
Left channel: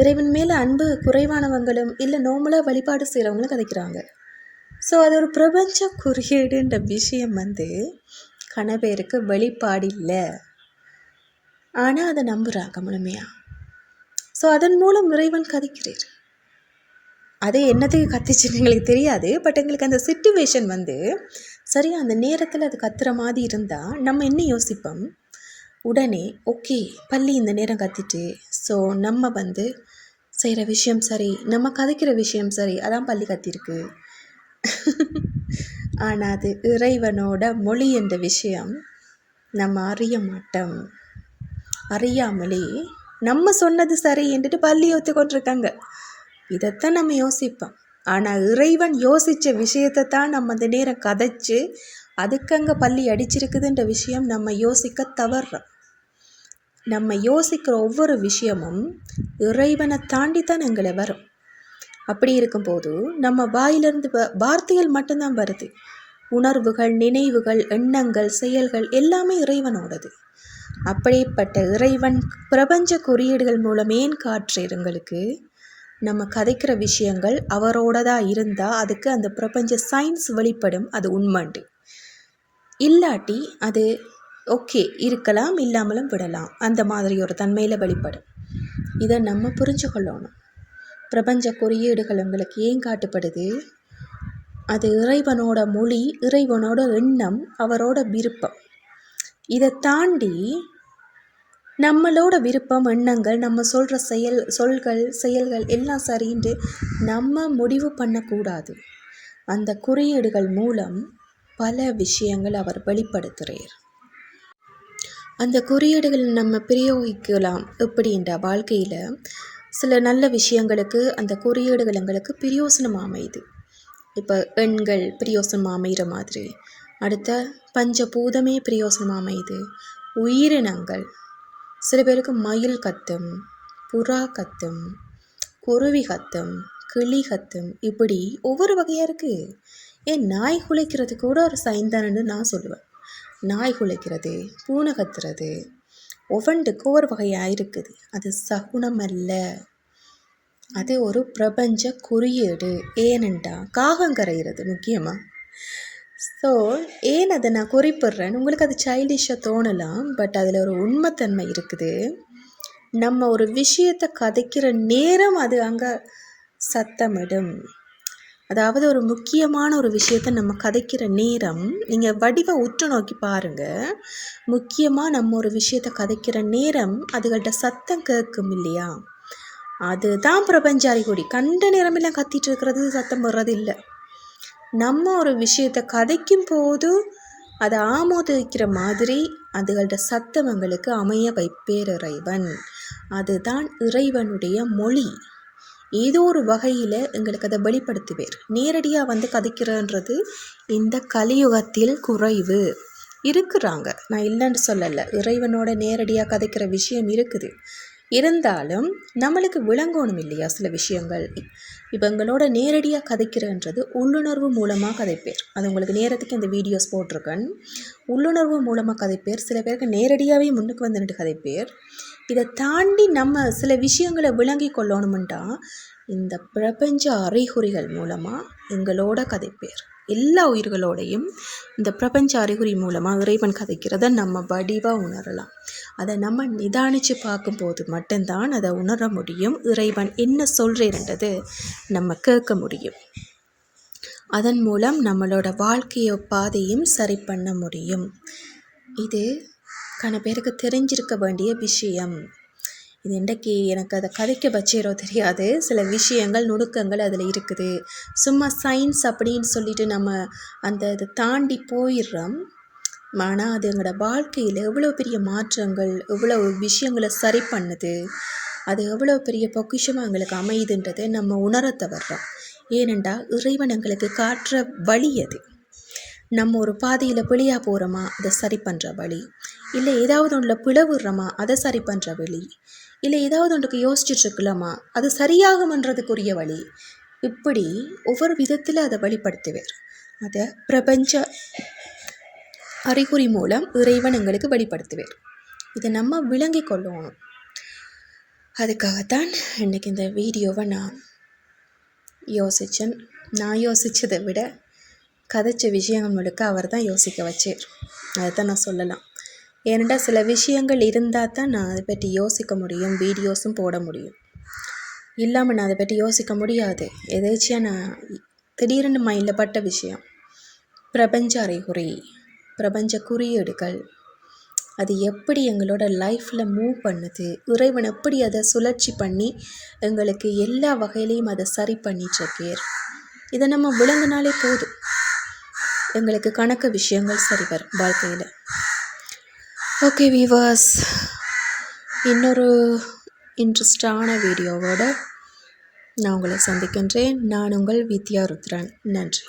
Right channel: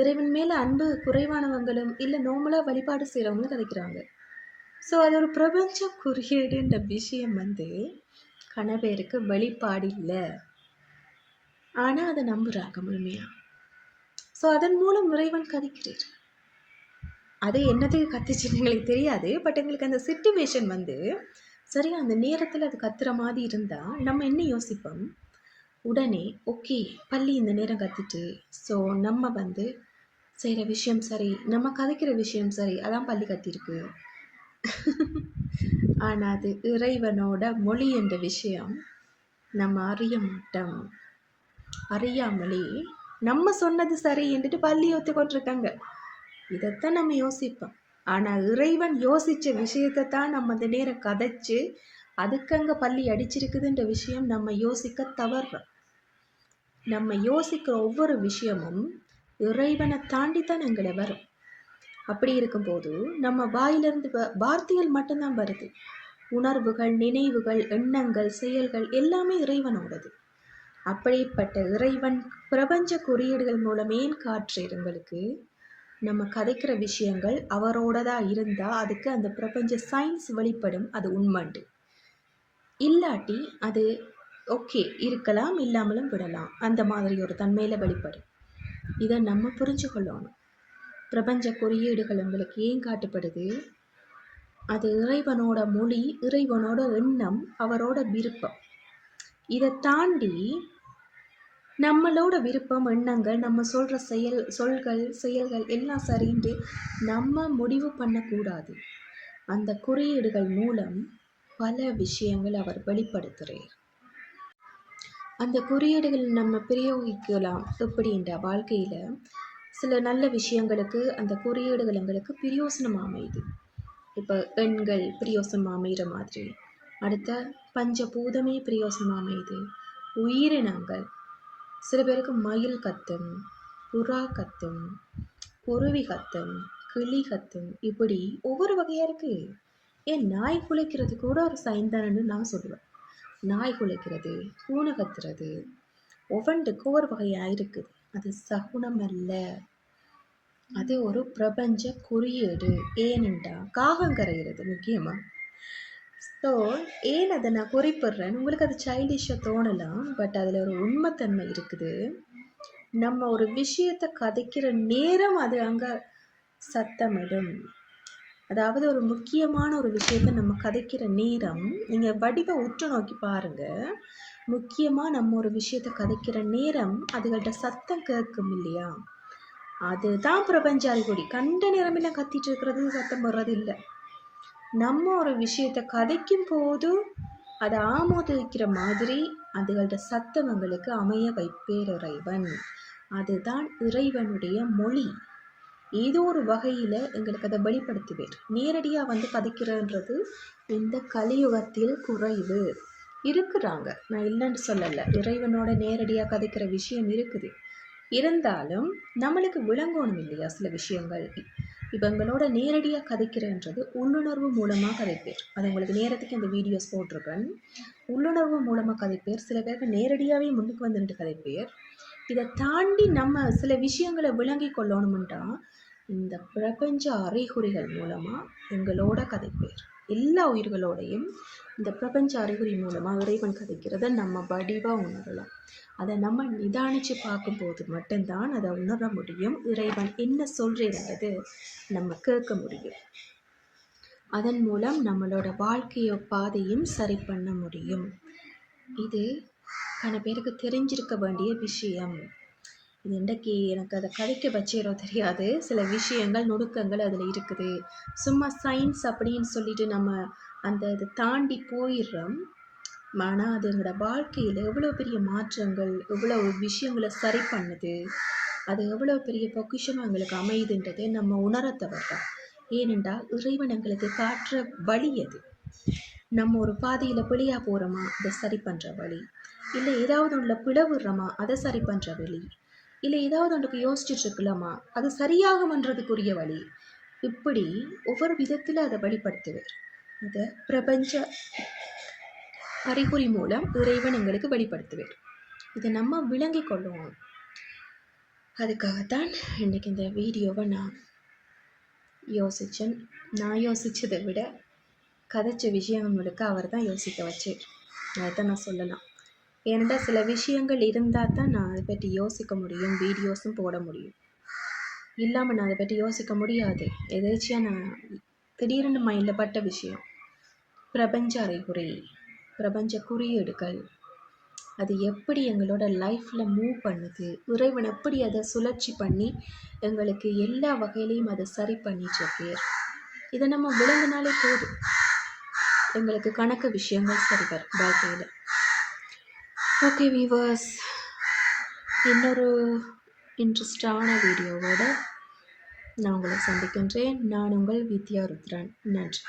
இறைவன் மேலே அன்பு குறைவானவங்களும் இல்லை நோம்பலாக வழிபாடு செய்கிறவங்களும் கதைக்கிறாங்க. ஸோ அது ஒரு பிரபஞ்ச குறியீடுன்ற விஷயம் வந்து கணபேருக்கு வெளிப்பாடு இல்லை. ஆனால் அதை நம்புகிறாங்க முழுமையாக ஸோ அதன் மூலம் இறைவன் கதைக்கிறார். அது என்னத்துக்கு கத்திச்சுன்னு எங்களுக்கு தெரியாது பட் எங்களுக்கு அந்த சுச்சுவேஷன் வந்து சரியா அந்த நேரத்தில் அது கத்துற மாதிரி இருந்தால் நம்ம என்ன யோசிப்போம்? உடனே ஓகே பள்ளி இந்த நேரம் கத்திட்டு ஸோ நம்ம வந்து செய்கிற விஷயம் சரி நம்ம கதைக்கிற விஷயம் சரி அதான் பள்ளி கத்திருக்கு. ஆனால் அது இறைவனோட மொழி என்ற விஷயம் நம்ம அறிய மாட்டோம். அறியாமலே நம்ம சொன்னது சரி என்றுட்டு பள்ளி ஒத்துக்கொண்டிருக்காங்க இதைத்தான் நம்ம யோசிப்போம். ஆனால் இறைவன் யோசித்த விஷயத்தை தான் நம்ம அந்த நேரம் கதைச்சு அதுக்கங்க பள்ளி அடிச்சிருக்குதுன்ற விஷயம் நம்ம யோசிக்க தவறுறோம் நம்ம யோசிக்கிற ஒவ்வொரு விஷயமும் இறைவனை தாண்டி தான் எங்களை வரும். அப்படி இருக்கும்போது நம்ம வாயிலிருந்து வ- வார்த்தைகள் மட்டும்தான் வருது. உணர்வுகள் நினைவுகள் எண்ணங்கள் செயல்கள் எல்லாமே இறைவனோடது. அப்படிப்பட்ட இறைவன் பிரபஞ்ச குறியீடுகள் மூலம் ஏன் எங்களுக்கு. நம்ம கதைக்கிற விஷயங்கள் அவரோடதாக இருந்தால் அதுக்கு அந்த பிரபஞ்ச சயின்ஸ் வெளிப்படும் அது உண்மைண்டு. இல்லாட்டி அது ஓகே இருக்கலாம் இல்லாமலும் விடலாம். அந்த மாதிரி ஒரு தன்மையில் வெளிப்படும். இதை நம்ம புரிஞ்சு கொள்ளணும் பிரபஞ்ச குறியீடுகள் உங்களுக்கு ஏன் காட்டுப்படுது? அது இறைவனோட மொழி இறைவனோட எண்ணம் அவரோட விருப்பம். இதை தாண்டி நம்மளோட விருப்பம் எண்ணங்கள் நம்ம சொல்கிற செயல் சொல்கள் செயல்கள் எல்லாம் சரின்ட்டு நம்ம முடிவு பண்ணக்கூடாது. அந்த குறியீடுகள் மூலம் பல விஷயங்கள் அவர் வெளிப்படுத்துகிறார் அந்த குறியீடுகள் நம்ம பிரயோகிக்கலாம் எப்படின்ற வாழ்க்கையில் சில நல்ல விஷயங்களுக்கு அந்த குறியீடுகள் எங்களுக்கு பிரயோசனமாக அமையுது. இப்போ எண்கள் பிரயோசனமாக அமைகிற மாதிரி அடுத்த பஞ்சபூதமே பிரயோசனமாக அமையுது. உயிரினங்கள் சில பேருக்கு மயில் கத்தும் புறா கத்தும் குருவி கத்தும் கிளி கத்தும். இப்படி ஒவ்வொரு வகையாக இருக்குது ஏன் நாய் குலைக்கிறது கூட ஒரு சைன் தானேன்னு நான் சொல்லுவேன். நாய் குலைக்கிறது பூனை கத்துறது ஒவ்வொன்றுக்கு ஒரு வகையாக இருக்குது. அது சகுனம் அல்ல அது ஒரு பிரபஞ்ச குறியீடு. ஏனென்றா காகம் கரைகிறது முக்கியமாக ஸோ ஏன் அதை நான் குறிப்பிட்றேன்? உங்களுக்கு அது சைல்டிஷாக தோணலாம் பட் அதில் ஒரு உண்மைத்தன்மை இருக்குது. நம்ம ஒரு விஷயத்தை கதைக்கிற நேரம் அது அங்கே சத்தமிடும். அதாவது ஒரு முக்கியமான ஒரு விஷயத்த நம்ம கதைக்கிற நேரம் நீங்கள் வடிவை உற்று நோக்கி பாருங்கள் முக்கியமாக நம்ம ஒரு விஷயத்த கதைக்கிற நேரம் அதுகள்கிட்ட சத்தம் கேட்கும் இல்லையா? அதுதான் பிரபஞ்ச அறிகுறி கண்ட நேரமெல்லாம் கத்திட்டு இருக்கிறது சத்தம் வர்றது இல்லை. நம்ம ஒரு விஷயத்தை கதைக்கும் போது அதை ஆமோதிக்கிற மாதிரி அதுகளோட சத்தமங்களுக்கு அமைய வைப்பேர் இறைவன் அதுதான் இறைவனுடைய மொழி. ஏதோ ஒரு வகையில் எங்களுக்கு அதை வெளிப்படுத்துவேர். நேரடியாக வந்து கதைக்கிறன்றது இந்த கலியுகத்தில் குறைவு. இருக்கிறாங்க. நான் இல்லைன்னு சொல்லலை. இறைவனோட நேரடியாக கதைக்கிற விஷயம் இருக்குது. இருந்தாலும் நம்மளுக்கு விளங்கணும் இல்லையா சில விஷயங்கள்? இப்போ எங்களோட நேரடியாக கதைக்கிறன்றது உள்ளுணர்வு மூலமாக கதைப்பேர். அது உங்களுக்கு நேரத்துக்கு இந்த வீடியோஸ் போட்டிருக்கேன். உள்ளுணர்வு மூலமாக கதைப்பேர். சில பேருக்கு நேரடியாகவே முன்னுக்கு வந்துட்டு கதைப்பேர். இதை தாண்டி நம்ம சில விஷயங்களை விளங்கி கொள்ளணுமெண்டா இந்த பிரபஞ்ச அறிகுறிகள் மூலமாக எங்களோட கதைப்பேர். எல்லா உயிர்களோடையும் இந்த பிரபஞ்ச அறிகுறி மூலமாக இறைவன் கதைக்கிறத நம்ம வடிவாக உணரலாம். அதை நம்ம நிதானித்து பார்க்கும்போது மட்டும்தான் அதை உணர முடியும். இறைவன் என்ன சொல்கிறேன்றது நம்ம கேட்க முடியும். அதன் மூலம் நம்மளோட வாழ்க்கைய பாதையும் சரி பண்ண முடியும். இது கன பேருக்கு தெரிஞ்சிருக்க வேண்டிய விஷயம். இது இன்றைக்கி எனக்கு அதை கதைக்க பச்சேரோ தெரியாது. சில விஷயங்கள் நுணுக்கங்கள் அதில் இருக்குது. சும்மா சயின்ஸ் அப்படின்னு சொல்லிட்டு நம்ம அந்த இதை தாண்டி போயிடுறோம். ஆனால் அது எங்களோட வாழ்க்கையில் எவ்வளோ பெரிய மாற்றங்கள் எவ்வளோ விஷயங்களை சரி பண்ணுது அது எவ்வளோ பெரிய பொக்கிஷமாக எங்களுக்கு அமையுதுன்றதை நம்ம உணர தவறோம். ஏனெண்டா இறைவன் எங்களுக்கு காட்டுற வழி அது. நம்ம ஒரு பாதையில் பிழையாக போகிறோமா அதை சரி பண்ணுற வழி. இல்லை ஏதாவது ஒன்றில் பிளவுறோமா அதை சரி பண்ணுற வழி. இல்லை ஏதாவது ஒன்றுக்கு யோசிச்சுட்ருக்கலாமா? அது சரியாகுமன்றதுக்குரிய வழி. இப்படி ஒவ்வொரு விதத்தில் அதை வழிபடுத்துவார் அதை பிரபஞ்ச அறிகுறி மூலம் இறைவன் எங்களுக்கு வெளிப்படுத்துவார். இதை நம்ம விளங்கி கொள்ளணும் அதுக்காகத்தான் இன்றைக்கி இந்த வீடியோவை நான் யோசித்தேன் நான் யோசித்ததை விட கதைச்ச விஷயங்கள் முழுக்க அவர் தான் யோசிக்க வச்சார். அதை தான் நான் சொல்லலாம். ஏனெண்டா சில விஷயங்கள் இருந்தால் தான் நான் அதை பற்றி யோசிக்க முடியும் வீடியோஸும் போட முடியும். இல்லாமல் நான் அதை பற்றி யோசிக்க முடியாது. எதேச்சியாக நான் திடீர்னு மைண்டில் பட்ட விஷயம் பிரபஞ்ச அறிகுறி பிரபஞ்ச குறியீடுகள் அது எப்படி எங்களோட லைஃப்பில் மூவ் பண்ணுது இறைவன் எப்படி அதை சுழற்சி பண்ணி எங்களுக்கு எல்லா வகையிலையும் அதை சரி பண்ணிட்டுருக்கேர் இதை நம்ம விளங்கினாலே போதும். எங்களுக்கு கணக்கு விஷயங்கள் சரி வரும் வாழ்க்கையில். ஓகே வீவர்ஸ் இன்னொரு இன்ட்ரெஸ்டான வீடியோவோட நான் உங்களை சந்திக்கின்றேன். நான் உங்கள் வித்யா ருத்ரன். நன்றி.